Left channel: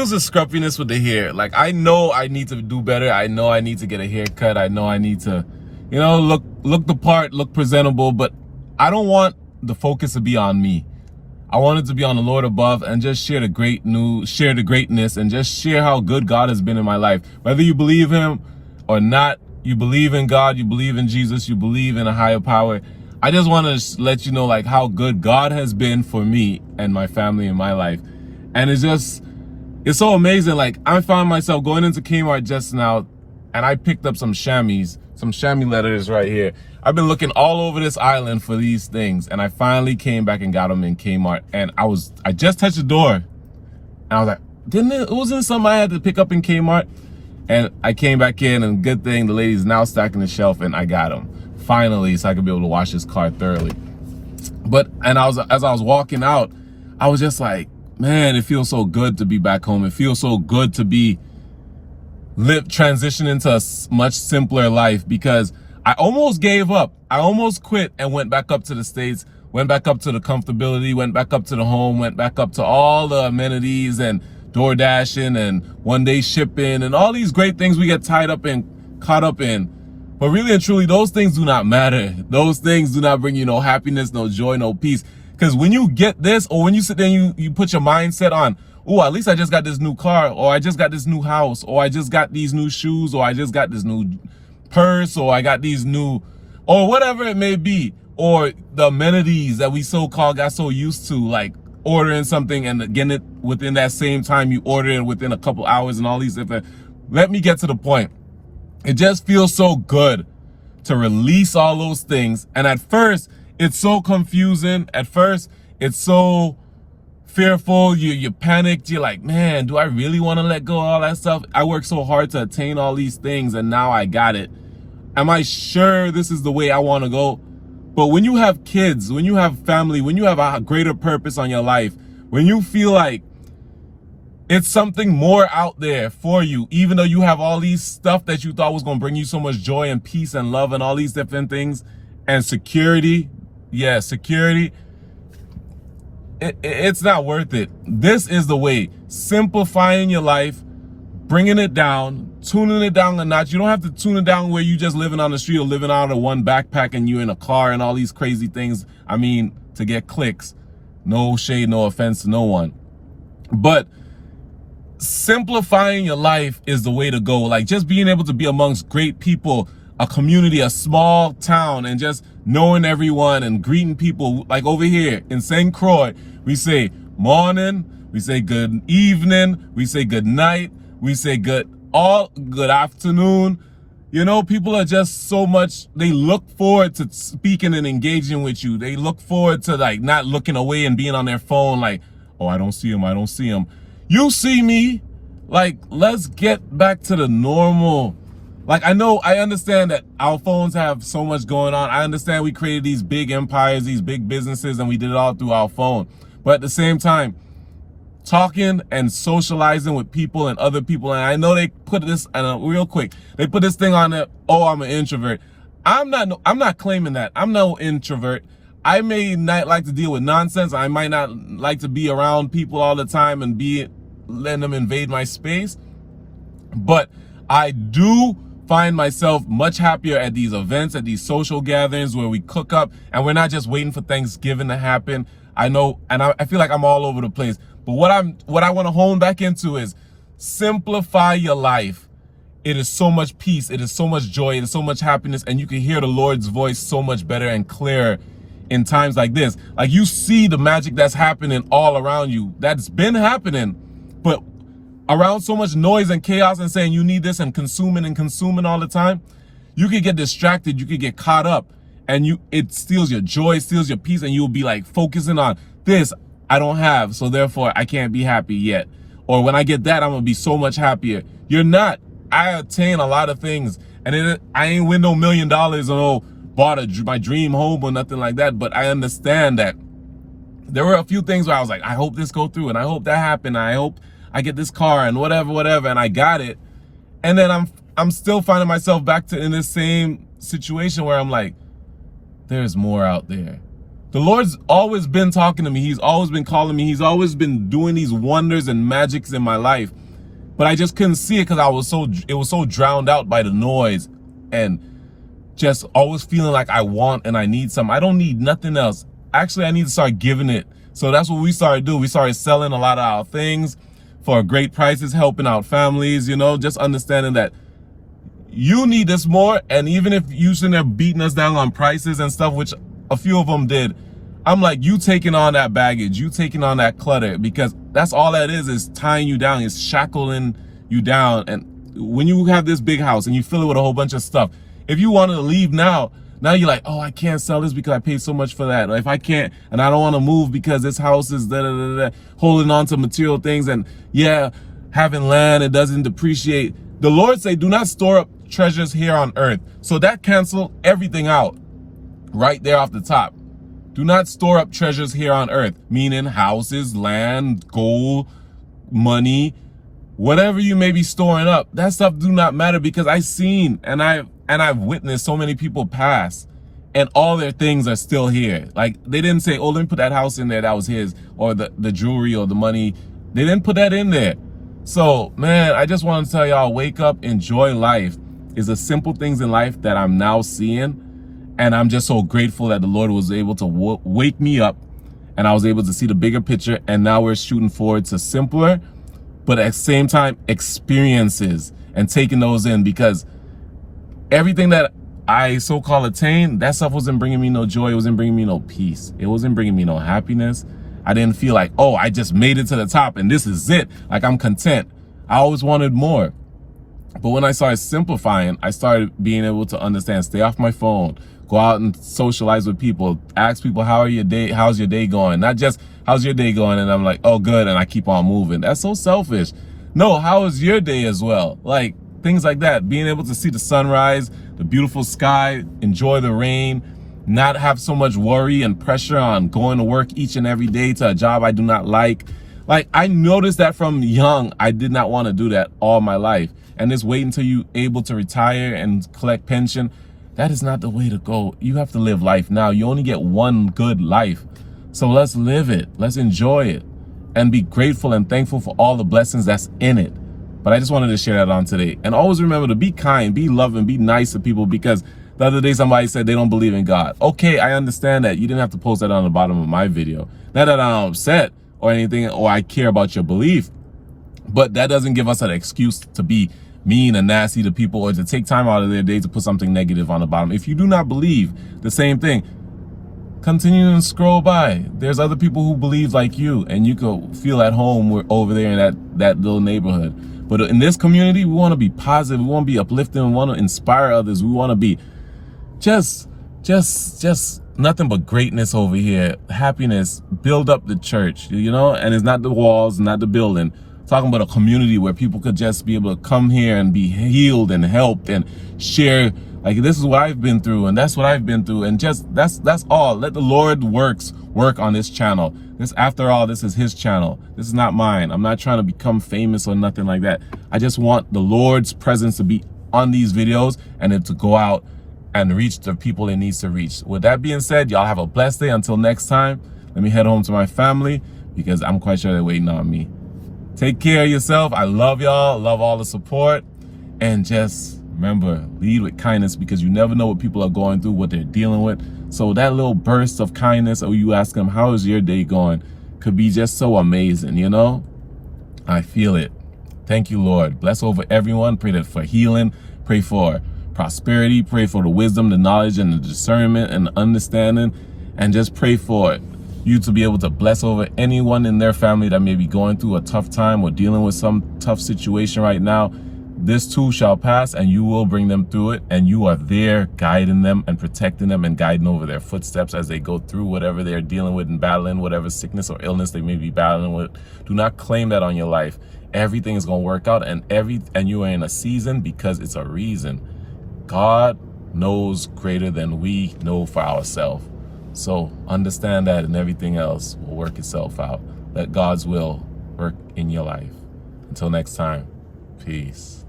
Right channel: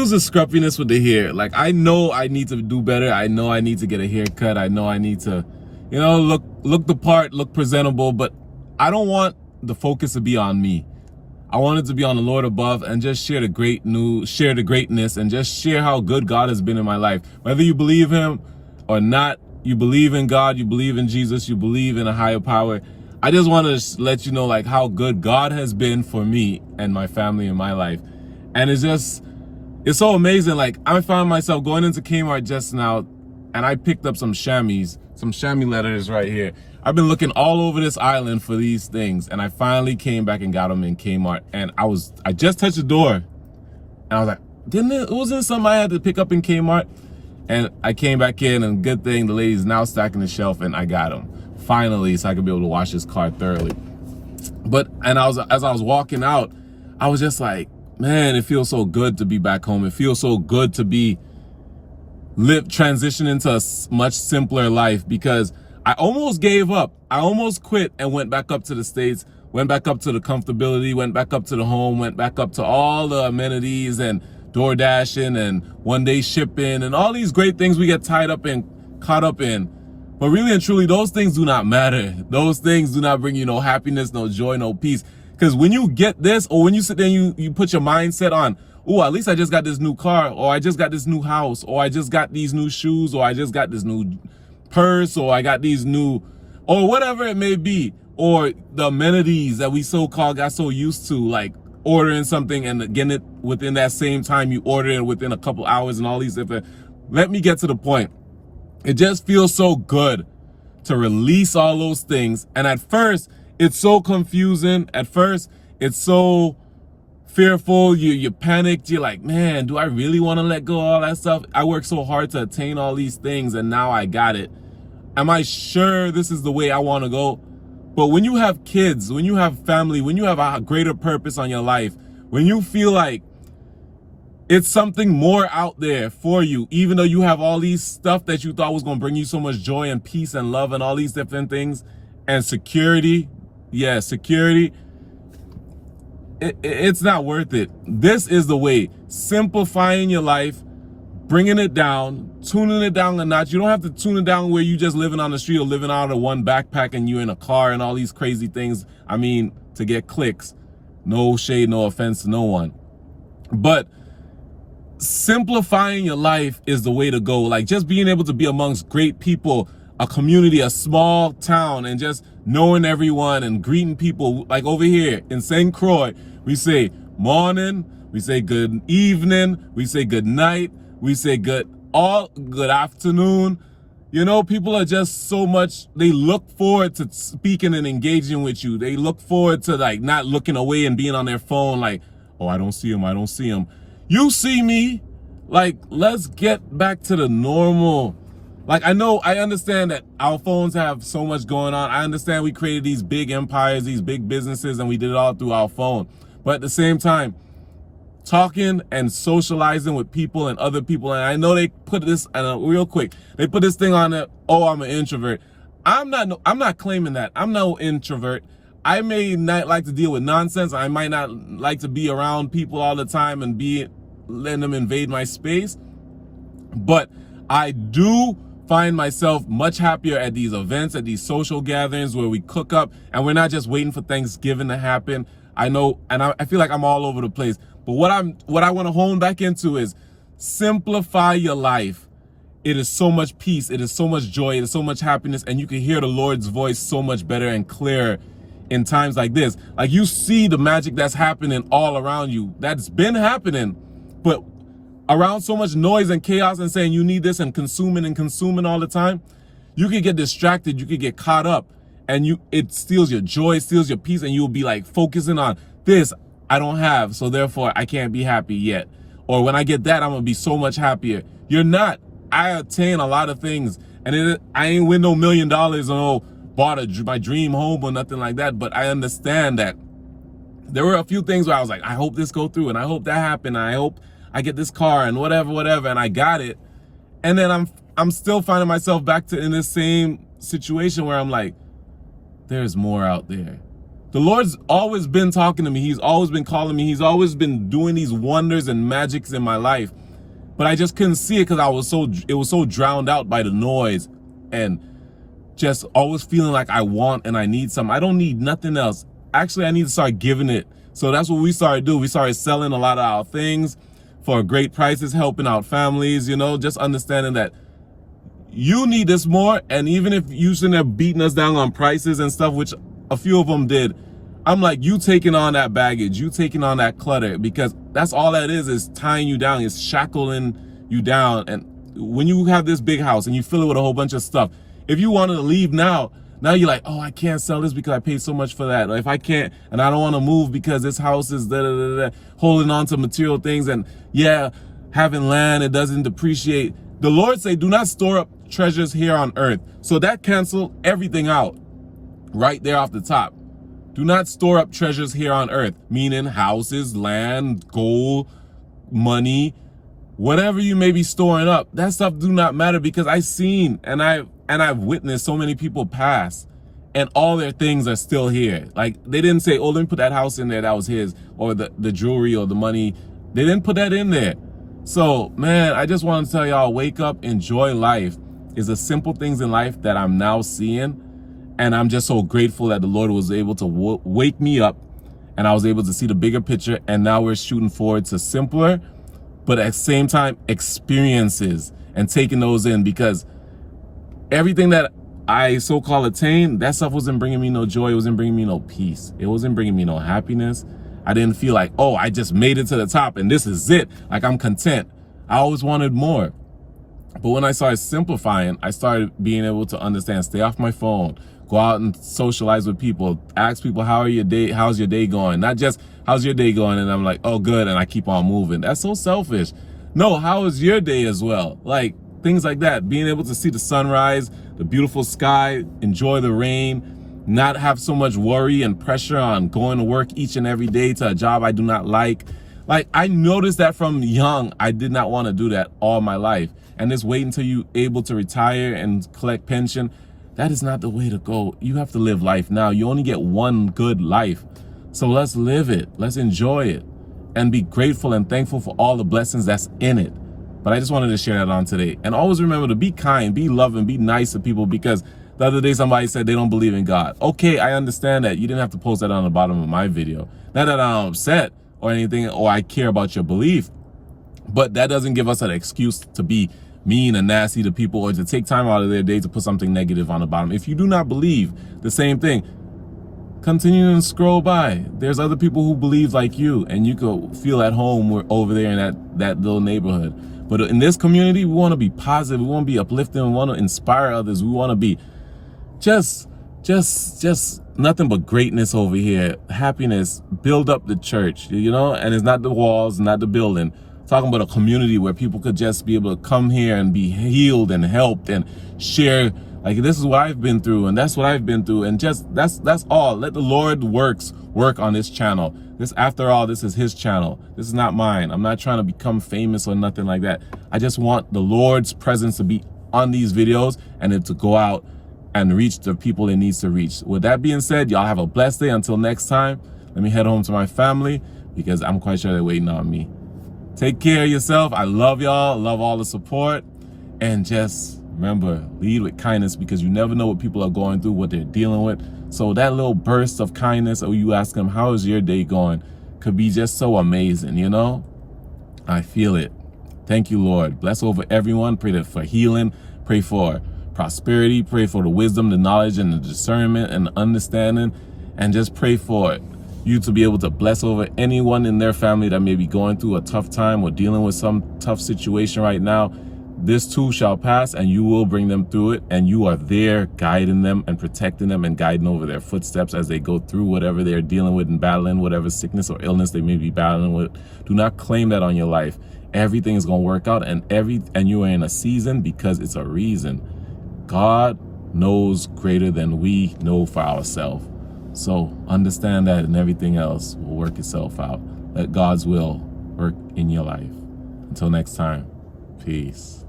There's a scruffiness with the hair. Like, I know I need to do better. I know I need to get a haircut. I know I need to, look the part, look presentable, but I don't want the focus to be on me. I want it to be on the Lord above and just share the greatness and just share how good God has been in my life. Whether you believe him or not, you believe in God, you believe in Jesus, you believe in a higher power. I just want to let you know like how good God has been for me and my family in my life. And it's so amazing. Like, I found myself going into Kmart just now and I picked up some chamois letters right here. I've been looking all over this island for these things, and I finally came back and got them in Kmart. And I just touched the door, and I was like, wasn't it something I had to pick up in Kmart? And I came back in, and good thing the lady's now stacking the shelf, and I got them finally, so I could be able to wash this car thoroughly. As I was walking out, I was just like, man, it feels so good to be back home. It feels so good to transition into a much simpler life, because I almost gave up. I almost quit and went back up to the States, went back up to the comfortability, went back up to the home, went back up to all the amenities and door dashing and one day shipping and all these great things we get caught up in. But really and truly, those things do not matter. Those things do not bring you no happiness, no joy, no peace. Because when you get this, or when you sit there and you put your mindset on, oh, at least I just got this new car, or I just got this new house, or I just got these new shoes, or I just got this new purse, or I got these new, or whatever it may be, or the amenities that we so-called got so used to, like ordering something and getting it within that same time you order it within a couple hours and all these different. Let me get to the point. It just feels so good to release all those things. And at first, it's so confusing. At first, it's so fearful. You panicked. You're like, man, do I really want to let go of all that stuff? I worked so hard to attain all these things, and now I got it. Am I sure this is the way I want to go? But when you have kids, when you have family, when you have a greater purpose on your life, when you feel like it's something more out there for you, even though you have all these stuff that you thought was going to bring you so much joy and peace and love and all these different things, and security, it's not worth it. This is the way. Simplifying your life, bringing it down, tuning it down a notch. You don't have to tune it down where you just living on the street or living out of one backpack and you in a car and all these crazy things. I mean, to get clicks. No shade, no offense to no one. But simplifying your life is the way to go. Like, just being able to be amongst great people, a community, a small town, and just knowing everyone and greeting people. Like over here in St. Croix, we say morning, we say good evening, we say good night, we say good afternoon. You know, people are just so much, they look forward to speaking and engaging with you. They look forward to like not looking away and being on their phone like, oh, I don't see him. You see me. Like, let's get back to the normal. Like, I understand that our phones have so much going on. I understand we created these big empires, these big businesses, and we did it all through our phone. But at the same time, talking and socializing with people and other people, and I know they put this, real quick, they put this thing on it, oh, I'm an introvert. I'm not claiming that. I'm no introvert. I may not like to deal with nonsense. I might not like to be around people all the time and letting them invade my space. But I do find myself much happier at these events, at these social gatherings where we cook up and we're not just waiting for Thanksgiving to happen. I know, and I feel like I'm all over the place. But what I want to hone back into is simplify your life. It is so much peace. It is so much joy. It is so much happiness. And you can hear the Lord's voice so much better and clearer in times like this. Like, you see the magic that's happening all around you. That's been happening. But around so much noise and chaos and saying you need this and consuming all the time, you could get distracted. You could get caught up, and it steals your joy, steals your peace, and you'll be like focusing on this I don't have, so therefore I can't be happy yet. Or when I get that, I'm gonna be so much happier. You're not. I attain a lot of things, and I ain't win no $1 million or bought my dream home or nothing like that. But I understand that there were a few things where I was like, I hope this go through, and I hope that happened. And I hope I get this car and whatever, and I got it. And then I'm still finding myself back in this same situation where I'm like, there's more out there. The Lord's always been talking to me. He's always been calling me. He's always been doing these wonders and magics in my life. But I just couldn't see it because it was so drowned out by the noise and just always feeling like I want and I need something. I don't need nothing else. Actually, I need to start giving it. So that's what we started doing. We started selling a lot of our things for great prices, helping out families, you know, just understanding that you need this more. And even if you shouldn't have beaten us down on prices and stuff, which a few of them did, I'm like, you taking on that baggage, you taking on that clutter, because that's all that is tying you down, is shackling you down. And when you have this big house and you fill it with a whole bunch of stuff, if you wanted to leave now you're like, oh, I can't sell this because I paid so much for that. Or if I can't, and I don't want to move because this house is holding on to material things, and yeah, having land, it doesn't depreciate. The Lord say, do not store up treasures here on earth. So that canceled everything out right there off the top. Do not store up treasures here on earth, meaning houses, land, gold, money, whatever you may be storing up. That stuff do not matter, because I've seen and I've witnessed so many people pass and all their things are still here. Like, they didn't say, oh, let me put that house in there, that was his, or the jewelry or the money. They didn't put that in there. So, man, I just want to tell y'all, wake up, enjoy life. It's the simple things in life that I'm now seeing. And I'm just so grateful that the Lord was able to wake me up and I was able to see the bigger picture. And now we're shooting forward to simpler, but at the same time, experiences, and taking those in, because everything that I so-called attained, that stuff wasn't bringing me no joy. It wasn't bringing me no peace. It wasn't bringing me no happiness. I didn't feel like, oh, I just made it to the top and this is it. Like, I'm content. I always wanted more. But when I started simplifying, I started being able to understand, stay off my phone, go out and socialize with people, ask people, how's your day going? Not just, how's your day going? And I'm like, oh, good, and I keep on moving. That's so selfish. No, how is your day as well? Like, things like that. Being able to see the sunrise, the beautiful sky, enjoy the rain, not have so much worry and pressure on going to work each and every day to a job I do not like. Like, I noticed that from young, I did not want to do that all my life. And just wait until you're able to retire and collect pension. That is not the way to go. You have to live life now. You only get one good life. So let's live it. Let's enjoy it and be grateful and thankful for all the blessings that's in it. But I just wanted to share that on today. And always remember to be kind, be loving, be nice to people, because the other day somebody said they don't believe in God. Okay, I understand that. You didn't have to post that on the bottom of my video. Not that I'm upset or anything, or I care about your belief, but that doesn't give us an excuse to be mean and nasty to people, or to take time out of their day to put something negative on the bottom. If you do not believe the same thing, continue and scroll by. There's other people who believe like you, and you could feel at home over there in that little neighborhood. But in this community, we want to be positive. We want to be uplifting. We want to inspire others. We want to be just nothing but greatness over here. Happiness. Build up the church, you know? And it's not the walls, not the building. Talking about a community where people could just be able to come here and be healed and helped and share. Like, this is what I've been through, and that's what I've been through, and just that's all. Let the Lord work on this channel. This, after all, this is his channel. This is not mine. I'm not trying to become famous or nothing like that. I just want the Lord's presence to be on these videos, and it to go out and reach the people it needs to reach. With that being said, y'all have a blessed day. Until next time, let me head home to my family, because I'm quite sure they're waiting on me. Take care of yourself. I love y'all. Love all the support. And just remember, lead with kindness, because you never know what people are going through, what they're dealing with. So that little burst of kindness, or you ask them, how is your day going, could be just so amazing, you know? I feel it. Thank you, Lord. Bless over everyone. Pray for healing. Pray for prosperity. Pray for the wisdom, the knowledge, and the discernment and the understanding. And just pray for you to be able to bless over anyone in their family that may be going through a tough time or dealing with some tough situation right now. This too shall pass, and you will bring them through it, and you are there guiding them and protecting them and guiding over their footsteps as they go through whatever they're dealing with and battling, whatever sickness or illness they may be battling with. Do not claim that on your life. Everything is going to work out, and you are in a season because it's a reason. God knows greater than we know for ourselves. So understand that, and everything else will work itself out. Let God's will work in your life. Until next time, peace.